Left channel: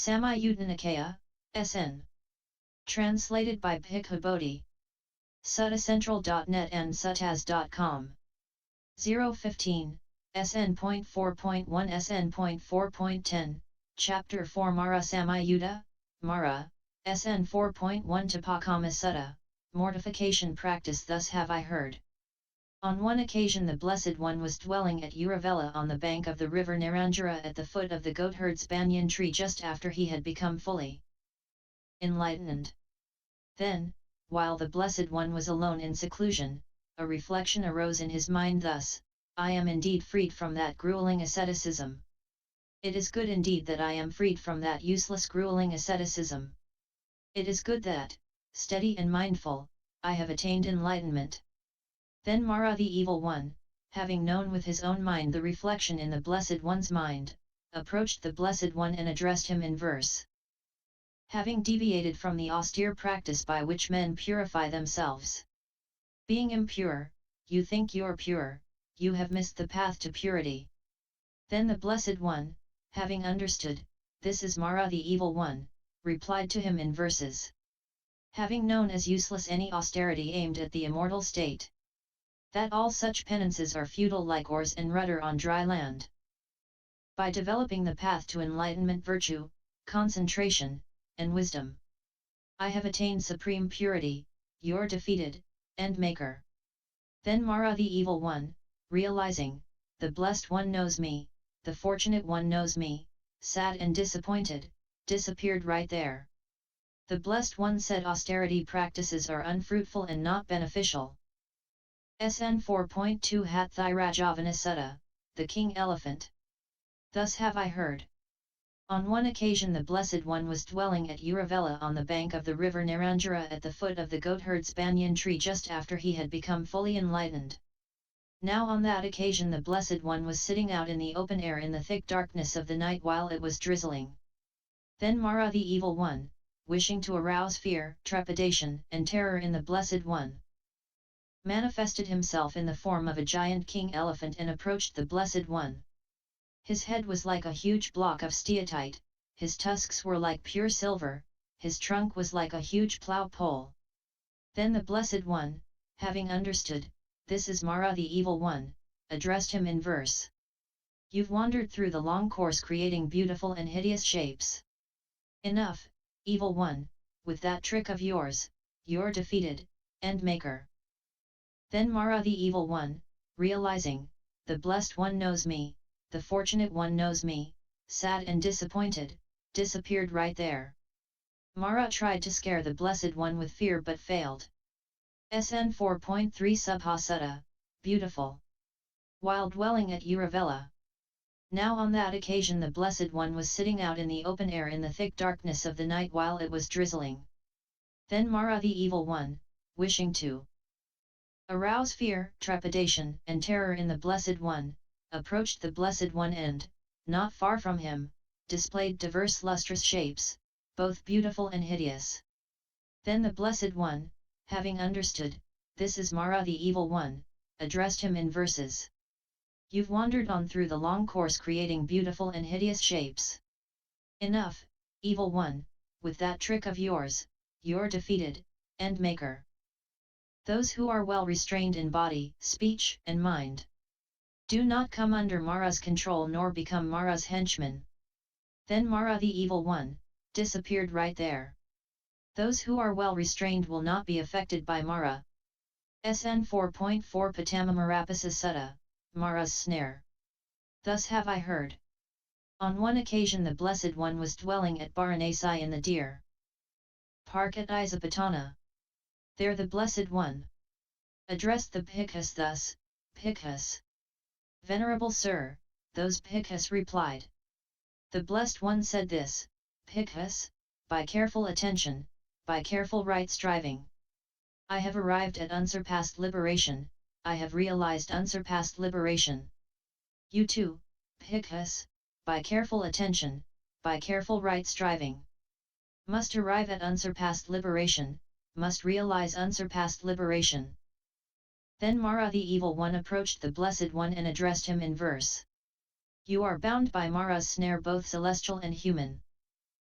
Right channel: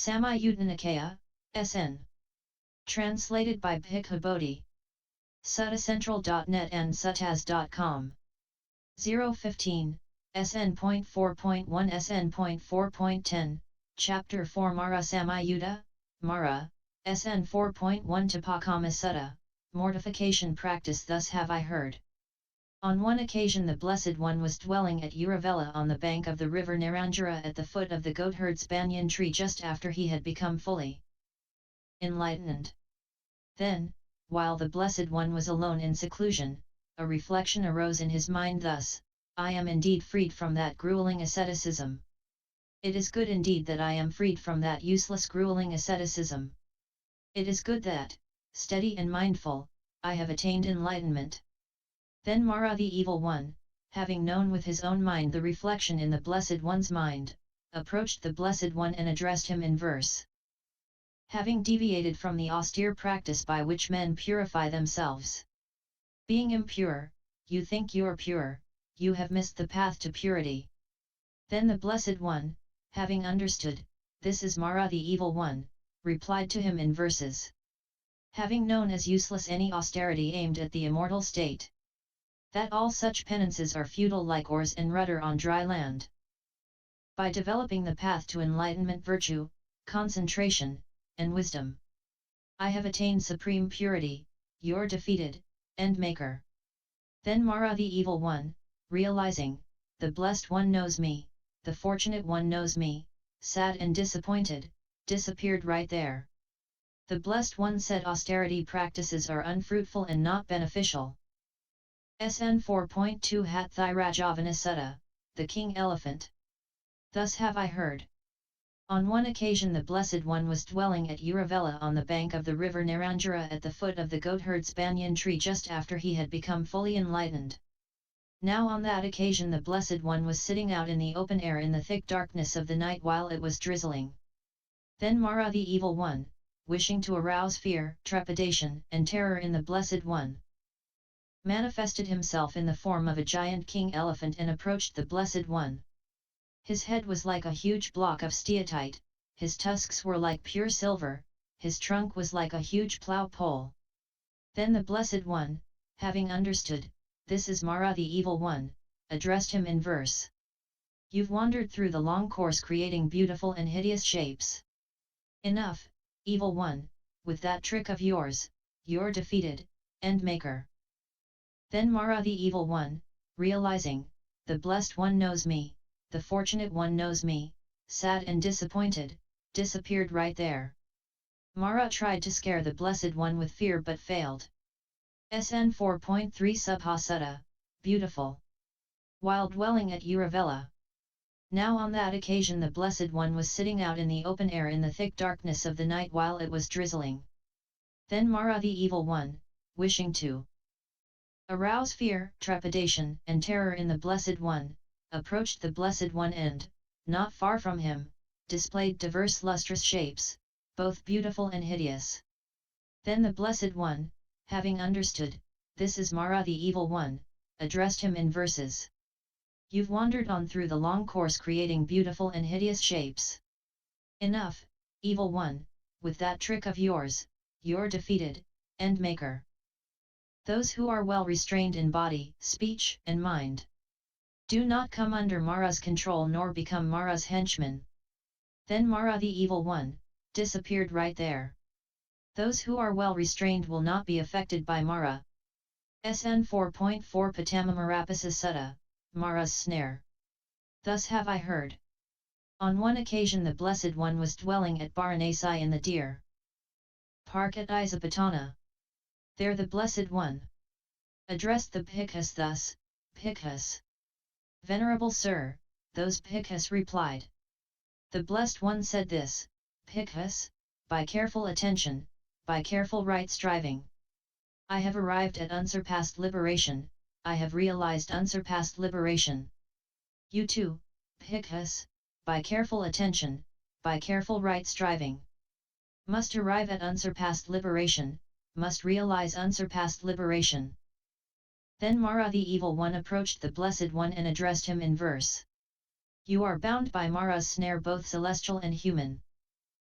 Samyutta Nikaya, SN. Translated by Bhikkhu Bodhi. Suttacentral.net and suttas.com. 015, SN.4.1 SN.4.10, Chapter 4 Mara Samyutta, Mara, SN.4.1 Tapakama Sutta, Mortification Practice. Thus have I heard. On one occasion the Blessed One was dwelling at Uruvela on the bank of the river Neranjara at the foot of the Goatherd's Banyan tree just after he had become fully enlightened. Then, while the Blessed One was alone in seclusion, a reflection arose in his mind thus: I am indeed freed from that grueling asceticism. It is good indeed that I am freed from that useless grueling asceticism. It is good that, steady and mindful, I have attained enlightenment. Then Mara the Evil One, having known with his own mind the reflection in the Blessed One's mind, approached the Blessed One and addressed him in verse. Having deviated from the austere practice by which men purify themselves. Being impure, you think you're pure, you have missed the path to purity. Then the Blessed One, having understood, this is Mara the Evil One, replied to him in verses. Having known as useless any austerity aimed at the immortal state. That all such penances are futile like oars and rudder on dry land. By developing the path to enlightenment-Virtue, concentration, and wisdom, I have attained supreme purity, your defeated, end maker. Then Mara the Evil One, realizing, the Blessed One knows me, the Fortunate One knows me, sad and disappointed, disappeared right there. The Blessed One said austerity practices are unfruitful and not beneficial. SN.4.2 Hatthirajavanna Sutta, the King Elephant. Thus have I heard. On one occasion the Blessed One was dwelling at Uruvela on the bank of the river Neranjara at the foot of the Goatherd's Banyan tree just after he had become fully enlightened. Now on that occasion the Blessed One was sitting out in the open air in the thick darkness of the night while it was drizzling. Then Mara the Evil One, wishing to arouse fear, trepidation, and terror in the Blessed One, manifested himself in the form of a giant king elephant and approached the Blessed One. His head was like a huge block of steatite, his tusks were like pure silver, his trunk was like a huge plough pole. Then the Blessed One, having understood, this is Mara the Evil One, addressed him in verse. You've wandered through the long course creating beautiful and hideous shapes. Enough, Evil One, with that trick of yours, you're defeated, end maker. Then Mara the Evil One, realizing, the Blessed One knows me, the Fortunate One knows me, sad and disappointed, disappeared right there. Mara tried to scare the Blessed One with fear but failed. SN.4.3 Subha Sutta, beautiful. While dwelling at Uruvela. Now on that occasion the Blessed One was sitting out in the open air in the thick darkness of the night while it was drizzling. Then Mara the Evil One, wishing to arouse fear, trepidation, and terror in the Blessed One, approached the Blessed One and, not far from him, displayed diverse lustrous shapes, both beautiful and hideous. Then the Blessed One, having understood, this is Mara the Evil One, addressed him in verses. You've wandered on through the long course creating beautiful and hideous shapes. Enough, Evil One, with that trick of yours, you're defeated, end maker. Those who are well restrained in body, speech, and mind do not come under Mara's control nor become Mara's henchmen. Then Mara the Evil One, disappeared right there. Those who are well restrained will not be affected by Mara. SN.4.4 Patamamarapasa Sutta, Mara's snare. Thus have I heard. On one occasion the Blessed One was dwelling at Varanasi in the deer park at Isapatana. There the Blessed One addressed the Bhikkhus thus, Bhikkhus. Venerable Sir, those Bhikkhus replied. The Blessed One said this, Bhikkhus, by careful attention, by careful right striving, I have arrived at unsurpassed liberation, I have realized unsurpassed liberation. You too, Bhikkhus, by careful attention, by careful right striving, must arrive at unsurpassed liberation, must realize unsurpassed liberation. Then Mara the Evil One approached the Blessed One and addressed him in verse. You are bound by Mara's snare both celestial and human.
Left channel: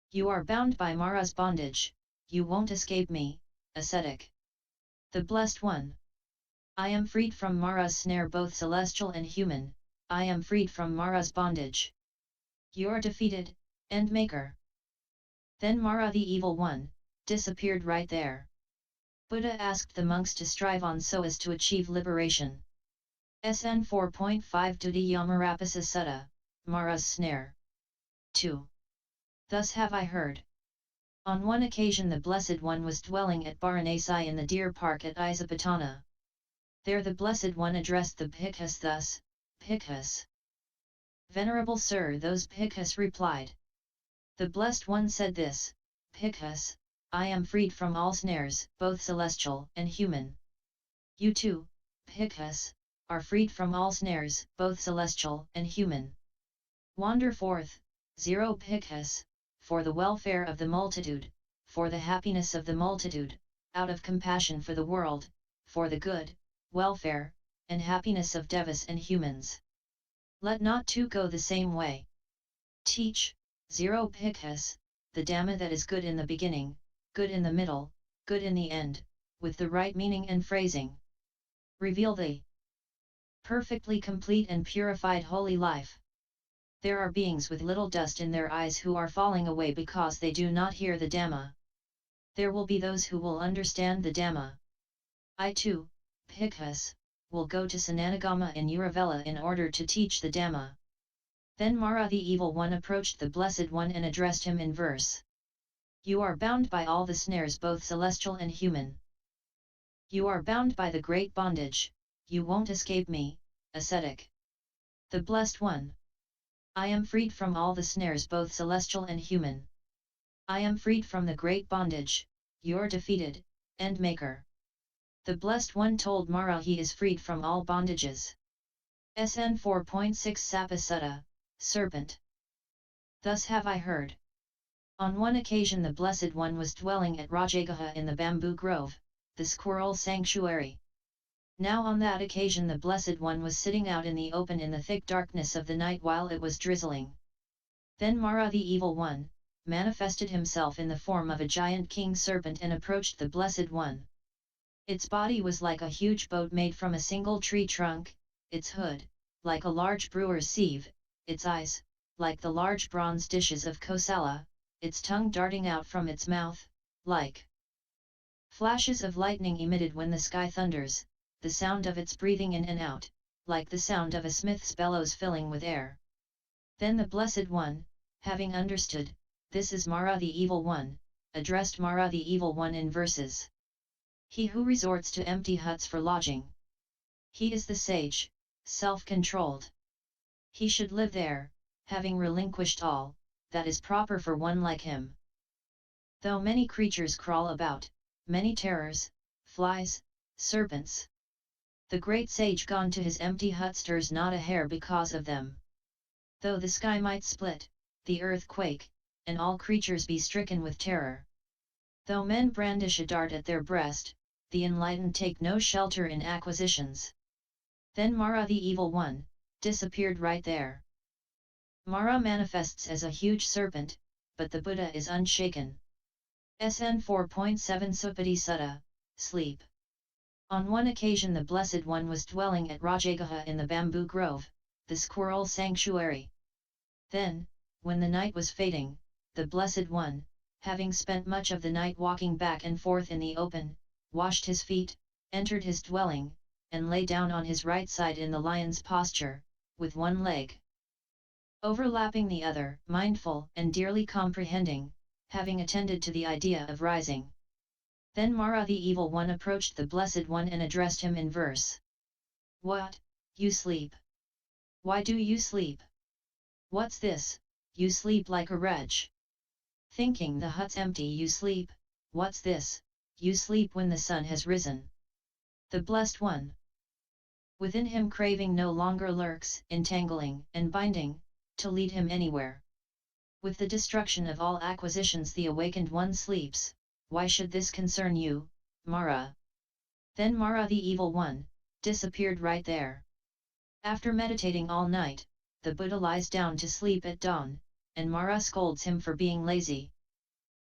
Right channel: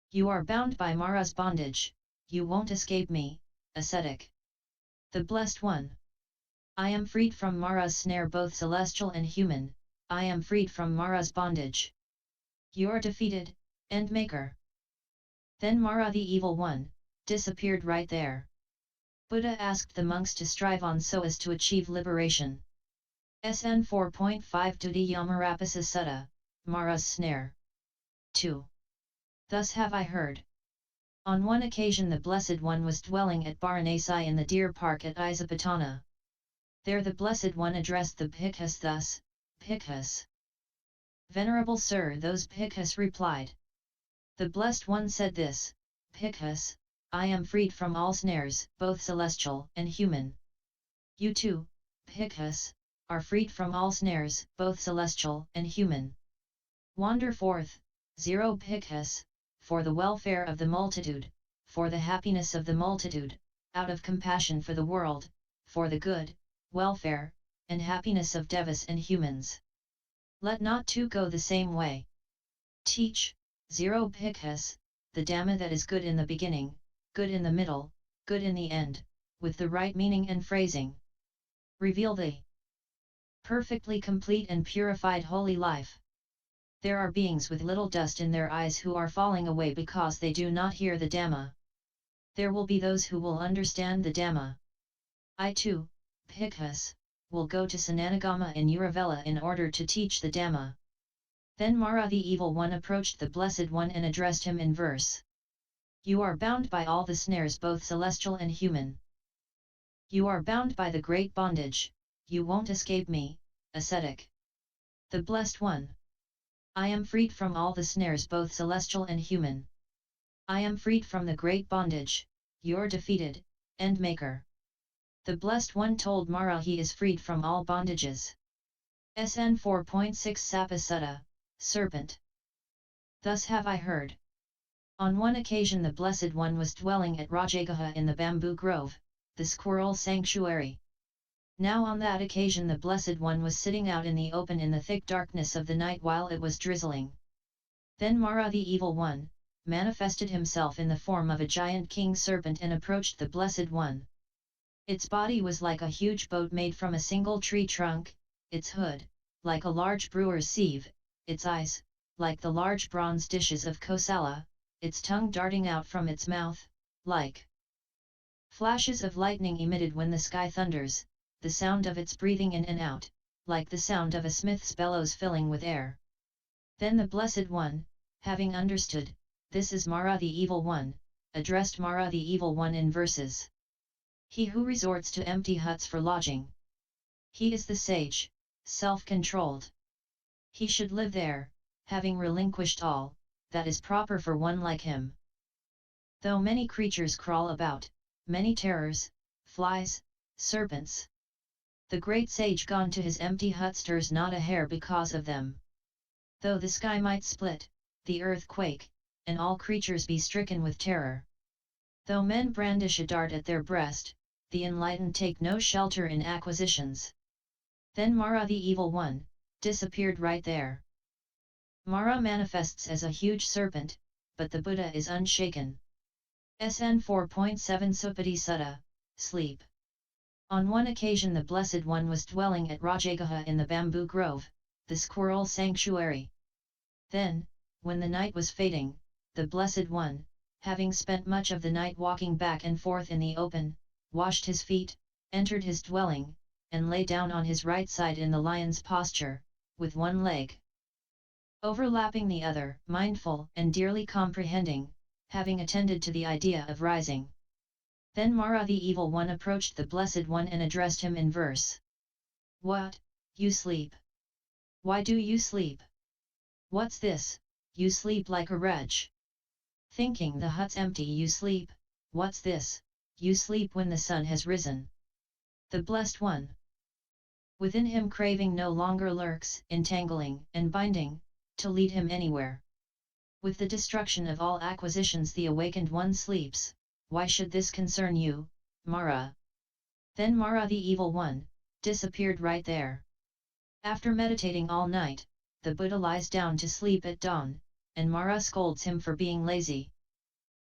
You are bound by Mara's bondage, you won't escape me, ascetic. The Blessed One. I am freed from Mara's snare, both celestial and human, I am freed from Mara's bondage. You are defeated, end maker. Then Mara the Evil One disappeared right there. Buddha asked the monks to strive on so as to achieve liberation. SN.4.1-SN.4.10 Sutta, Mara's Snare. 2. Thus have I heard. On one occasion the Blessed One was dwelling at Varanasi in the deer park at Isapatana. There the Blessed One addressed the bhikkhus thus, Bhikkhus. Venerable Sir, those bhikkhus replied. The Blessed One said this, Bhikkhus, I am freed from all snares, both celestial and human. You too, bhikkhus, are freed from all snares, both celestial and human. Wander forth, 0 bhikkhus, for the welfare of the multitude, for the happiness of the multitude, out of compassion for the world, for the good, welfare, and happiness of devas and humans. Let not two go the same way. Teach, 0 bhikkhus, the Dhamma that is good in the beginning, good in the middle, good in the end, with the right meaning and phrasing. Reveal the perfectly complete and purified holy life. There are beings with little dust in their eyes who are falling away because they do not hear the Dhamma. There will be those who will understand the Dhamma. I too, bhikkhus, will go to Sananagama in Uruvela in order to teach the Dhamma. Then Mara the Evil One approached the Blessed One and addressed him in verse. You are bound by all the snares, both celestial and human. You are bound by the great bondage, you won't escape me, ascetic. The Blessed One. I am freed from all the snares, both celestial and human. I am freed from the great bondage, you're defeated, end maker. The Blessed One told Mara he is freed from all bondages. SN.4.6 Sapa Sutta, Serpent. Thus have I heard. On one occasion the Blessed One was dwelling at Rajagaha in the bamboo grove, the squirrel sanctuary. Now on that occasion the Blessed One was sitting out in the open in the thick darkness of the night while it was drizzling. Then Mara the Evil One manifested himself in the form of a giant king serpent and approached the Blessed One. Its body was like a huge boat made from a single tree trunk, its hood, like a large brewer's sieve, its eyes, like the large bronze dishes of Kosala, its tongue darting out from its mouth, like flashes of lightning emitted when the sky thunders, the sound of its breathing in and out, like the sound of a smith's bellows filling with air. Then the Blessed One, having understood, this is Mara the Evil One, addressed Mara the Evil One in verses. He who resorts to empty huts for lodging. He is the sage, self-controlled. He should live there, having relinquished all that is proper for one like him. Though many creatures crawl about, many terrors, flies, serpents, the great sage gone to his empty hut stirs not a hair because of them. Though the sky might split, the earth quake, and all creatures be stricken with terror. Though men brandish a dart at their breast, the enlightened take no shelter in acquisitions. Then Mara the Evil One disappeared right there. Mara manifests as a huge serpent, but the Buddha is unshaken. SN.4.7 Supati Sutta, Sleep. On one occasion the Blessed One was dwelling at Rajagaha in the bamboo grove, the squirrel sanctuary. Then, when the night was fading, the Blessed One, having spent much of the night walking back and forth in the open, washed his feet, entered his dwelling, and lay down on his right side in the lion's posture, with one leg overlapping the other, mindful and dearly comprehending, having attended to the idea of rising. Then Mara the Evil One approached the Blessed One and addressed him in verse. What, you sleep? Why do you sleep? What's this, you sleep like a wretch? Thinking the hut's empty you sleep, what's this, you sleep when the sun has risen? The Blessed One. Within him craving no longer lurks, entangling and binding, to lead him anywhere. With the destruction of all acquisitions the awakened one sleeps, why should this concern you, Mara? Then Mara the Evil One disappeared right there. After meditating all night, the Buddha lies down to sleep at dawn, and Mara scolds him for being lazy,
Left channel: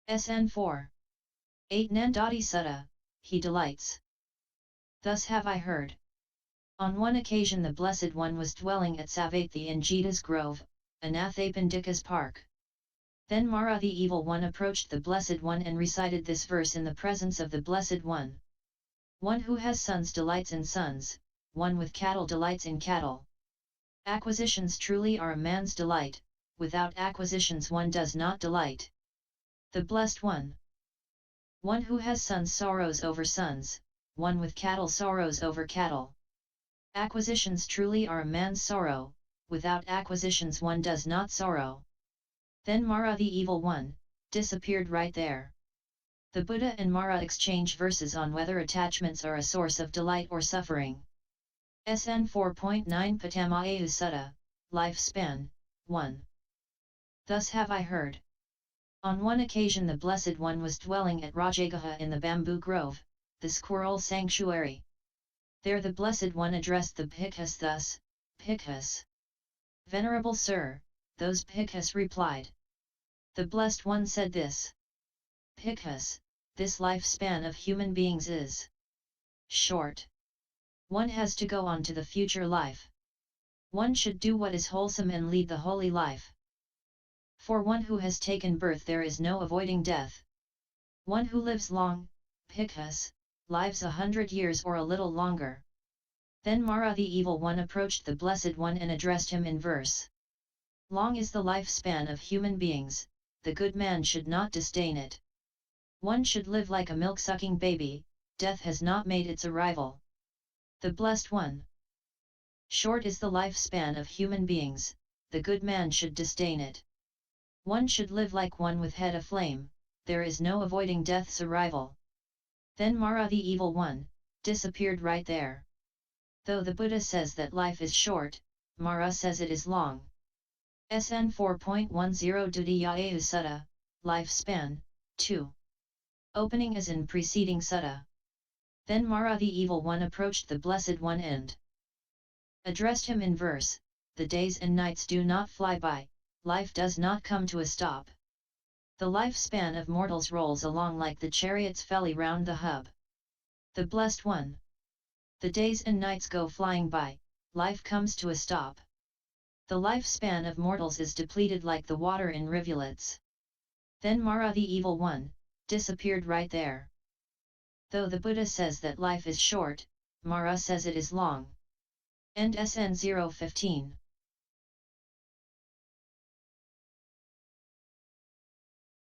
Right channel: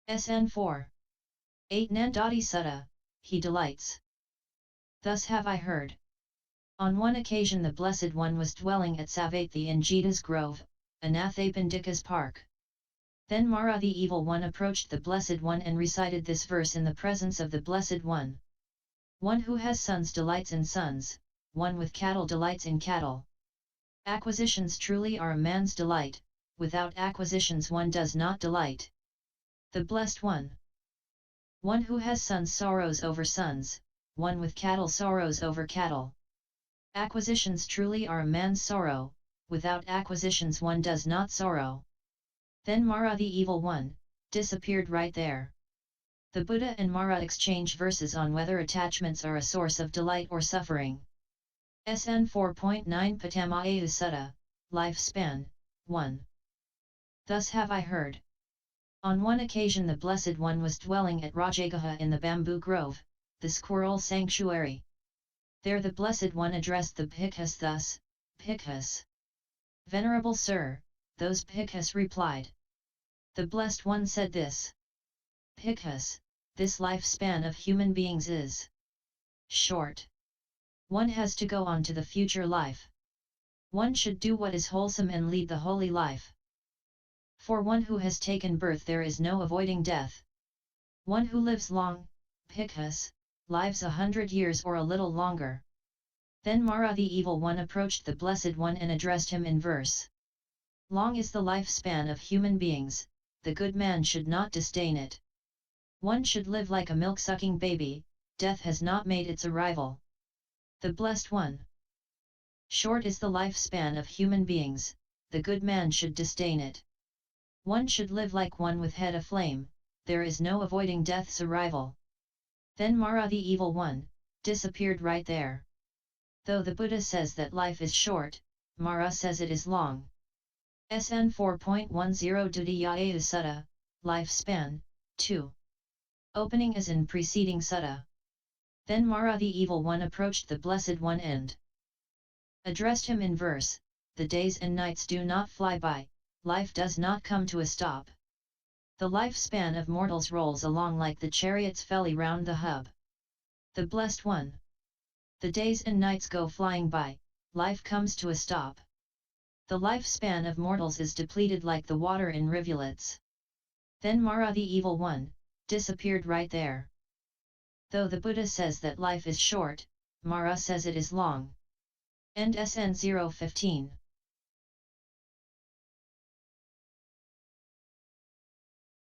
SN.4.1-SN.4.10 Sutta, he delights. Thus have I heard. On one occasion the Blessed One was dwelling at Savatthi in Jeta's grove, Anathapindika's park. Then Mara the Evil One approached the Blessed One and recited this verse in the presence of the Blessed One. One who has sons delights in sons, one with cattle delights in cattle. Acquisitions truly are a man's delight, without acquisitions one does not delight. The Blessed One. One who has sons sorrows over sons, one with cattle sorrows over cattle. Acquisitions truly are a man's sorrow, without acquisitions one does not sorrow. Then Mara the Evil One disappeared right there. The Buddha and Mara exchange verses on whether attachments are a source of delight or suffering. SN.4.9 Patamayu Sutta, Lifespan, 1. Thus have I heard. On one occasion the Blessed One was dwelling at Rajagaha in the bamboo grove, the squirrel sanctuary. There the Blessed One addressed the bhikkhus thus, Bhikkhus. Venerable Sir, those bhikkhus replied. The Blessed One said this. Bhikkhus, this lifespan of human beings is short. One has to go on to the future life. One should do what is wholesome and lead the holy life. For one who has taken birth there is no avoiding death. One who lives long, Bhikkhus, lives 100 years or a little longer. Then Mara the Evil One approached the Blessed One and addressed him in verse. Long is the lifespan of human beings, the good man should not disdain it. One should live like a milk-sucking baby, death has not made its arrival. The Blessed One. Short is the lifespan of human beings, the good man should disdain it. One should live like one with head aflame, there is no avoiding death's arrival. Then Mara the Evil One disappeared right there. Though the Buddha says that life is short, Mara says it is long. SN.4.10 Deviated Sutta, Lifespan, 2. Opening as in preceding Sutta. Then Mara the Evil One approached the Blessed One and addressed him in verse, the days and nights do not fly by, life does not come to a stop. The lifespan of mortals rolls along like the chariot's felly round the hub. The Blessed One. The days and nights go flying by, life comes to a stop. The lifespan of mortals is depleted like the water in rivulets. Then Mara the Evil One disappeared right there. Though the Buddha says that life is short, Mara says it is long. End SN.015